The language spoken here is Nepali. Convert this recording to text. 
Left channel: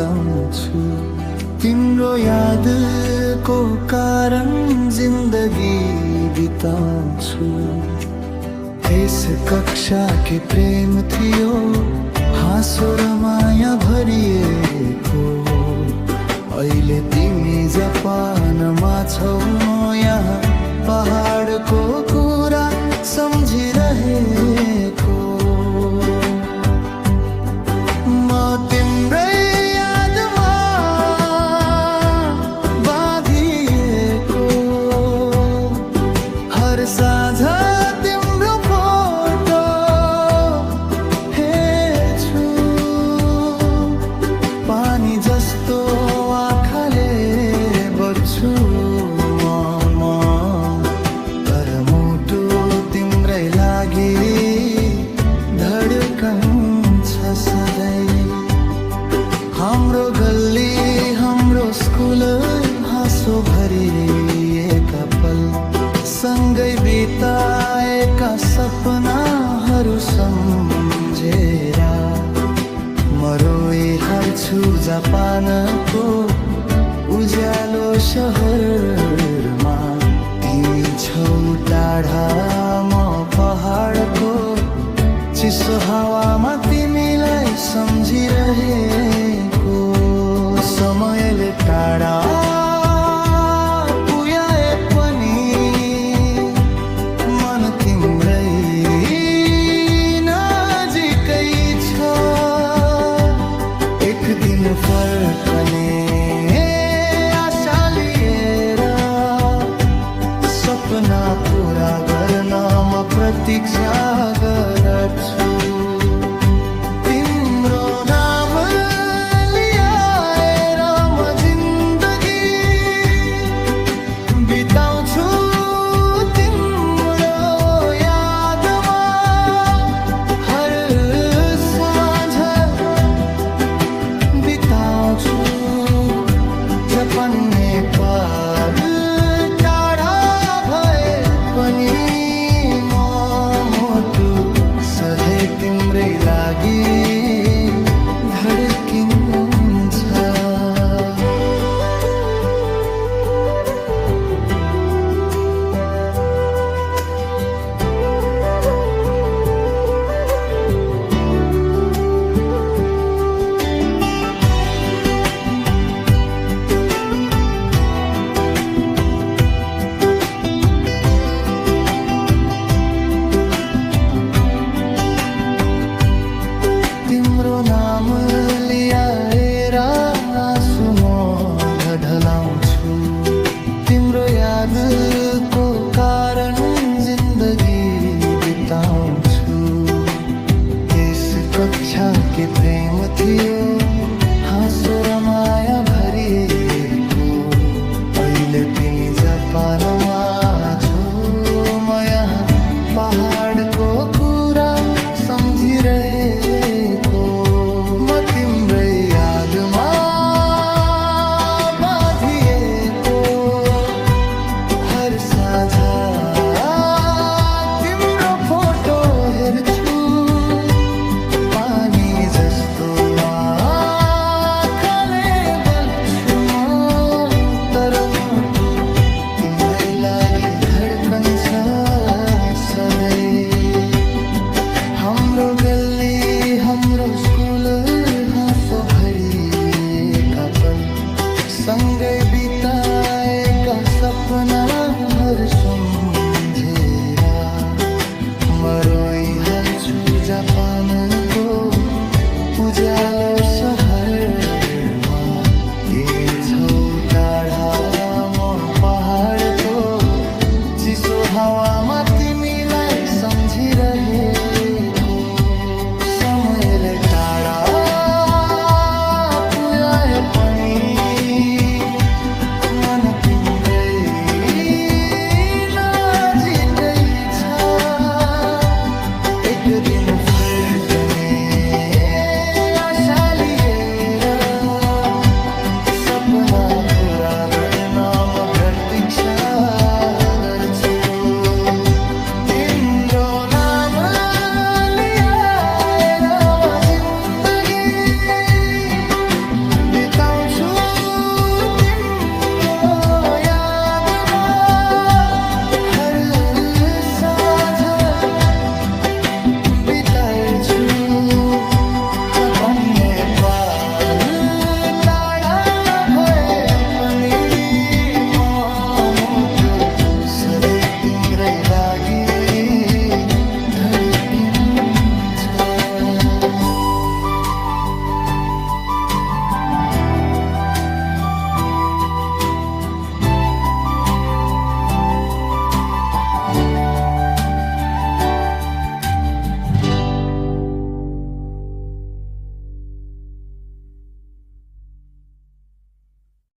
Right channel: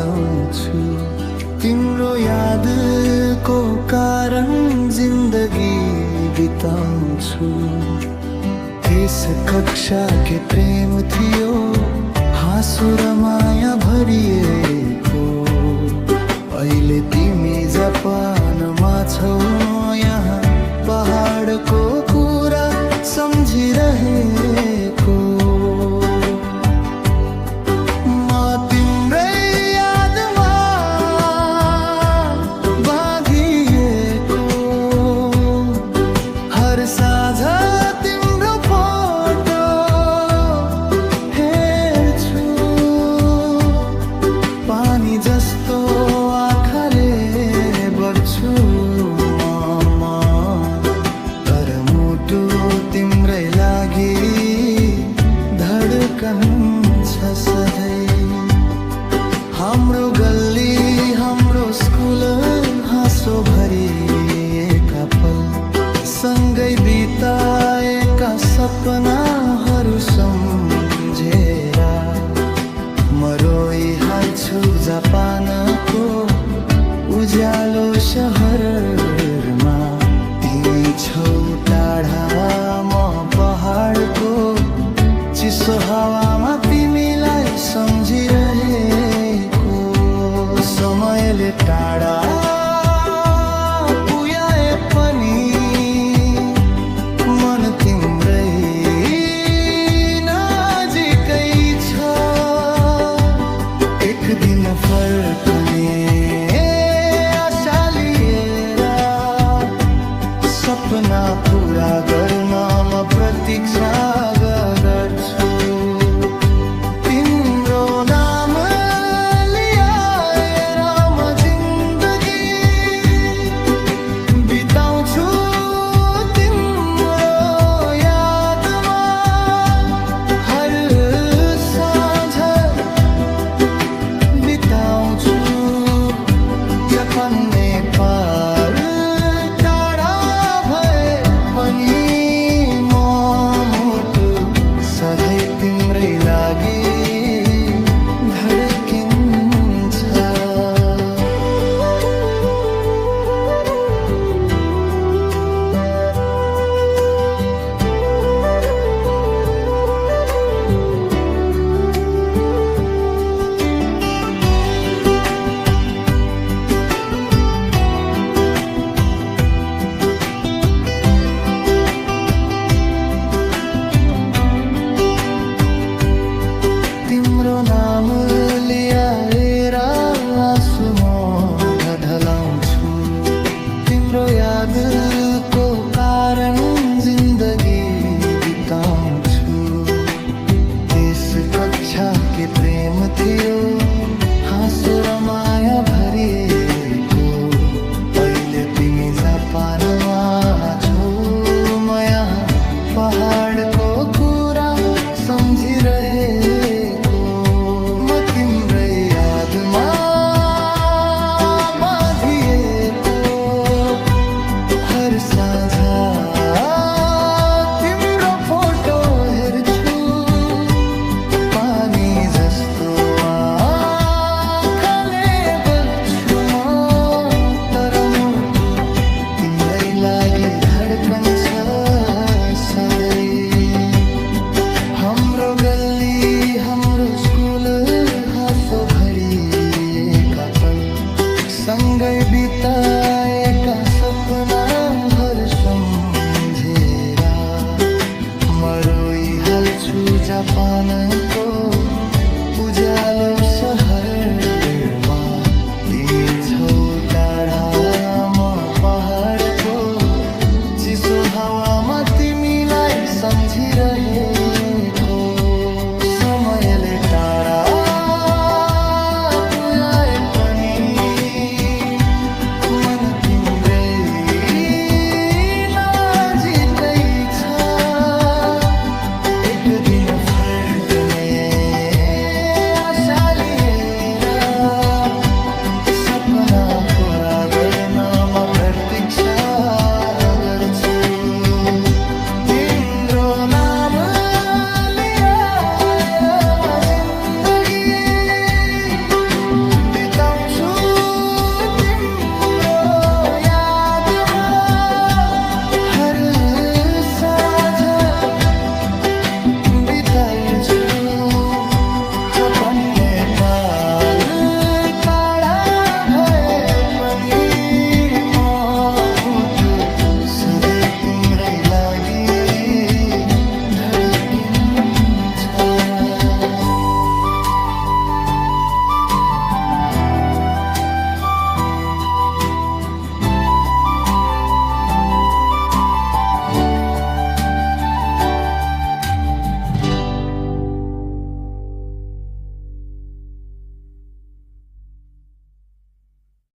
ढलाउँछु तिम्रो यादको कारण जिन्दगी बिताउँछु। त्यस कक्षा के प्रेम थियो हाँसो र माया भरिएको, अहिले तिमी जापानमा छौ यहाँ पहाडको कुरा सम्झिरहेको। म तिम्रै यादमा बाँधिएको, हर साँझ तिम्रो फोटो हेर्छु, पानी जस्तो आँखाले बग्छु म, तर मुटु तिम्रै लागि धड्कन छ सधैँ। हाम्रो गल्ली हाम्रो स्कुल हाँसो भरिएका पल, सँगै बिताएका सपनाहरू सम्झेर म रोइहाल्छु जापानको उज्यालो शहरमा। तिमी छौ टाढा म पहाडको चिसो हावामा तिमीलाई सम्झिरहेको। समयले टाढा पुर्याए पनि मन तिम्रै नजिकै छ। एक दिन फर्कने आशा लिएर सपना पूरा गर्न म प्रतीक्षा गर्छु। तिम्रो नाम लिएर म जिन्दगी बिताउँछु तिम्रो यादमा, हर साँझ बिताउँछु जापान नेपाल टाढा भए पनि म मुटु सधैँ तिम्रै लागि धड्किन्छ। तिम्रो नाम लिएर आँसु म ढलाउँछु, तिम्रो यादको कारण जिन्दगी बिताउँछु। त्यस कक्षा के प्रेम थियो हाँसो र माया भरिएको, अहिले तिमी जापानमा छौ म यहाँ पहाडको कुरा सम्झिरहेको। म तिम्रै यादमा बाँधिएको, हर साँझ तिम्रो फोटो हेर्छु, पानी जस्तो आँखाले बग्छु म, तर मुटु तिम्रै लागि धड्कन छ सधैँ। हाम्रो गल्ली हाम्रो स्कुल हाँसो भरिएका पल, सँगै बिताएका सपनाहरू सम्झेर म रोइहाल्छु जापानको उज्यालो शहरमा। तिमी छौ टाढा म पहाडको चिसो हावामा तिमीलाई सम्झिरहेको। समयले टाढा पुर्याए पनि मन तिम्रै नजिकै छ। एक दिन फर्कने आशा लिएर सपना पूरा गर्न म प्रतीक्षा गर्छु। तिम्रो नाम लिएर म जिन्दगी बिताउँछु तिम्रो यादमा हर साँझ बिताउँछु चपन्ने पाल टाढा भए पनि म मुटु सधैँ तिम्रै लागि धड्किन्छ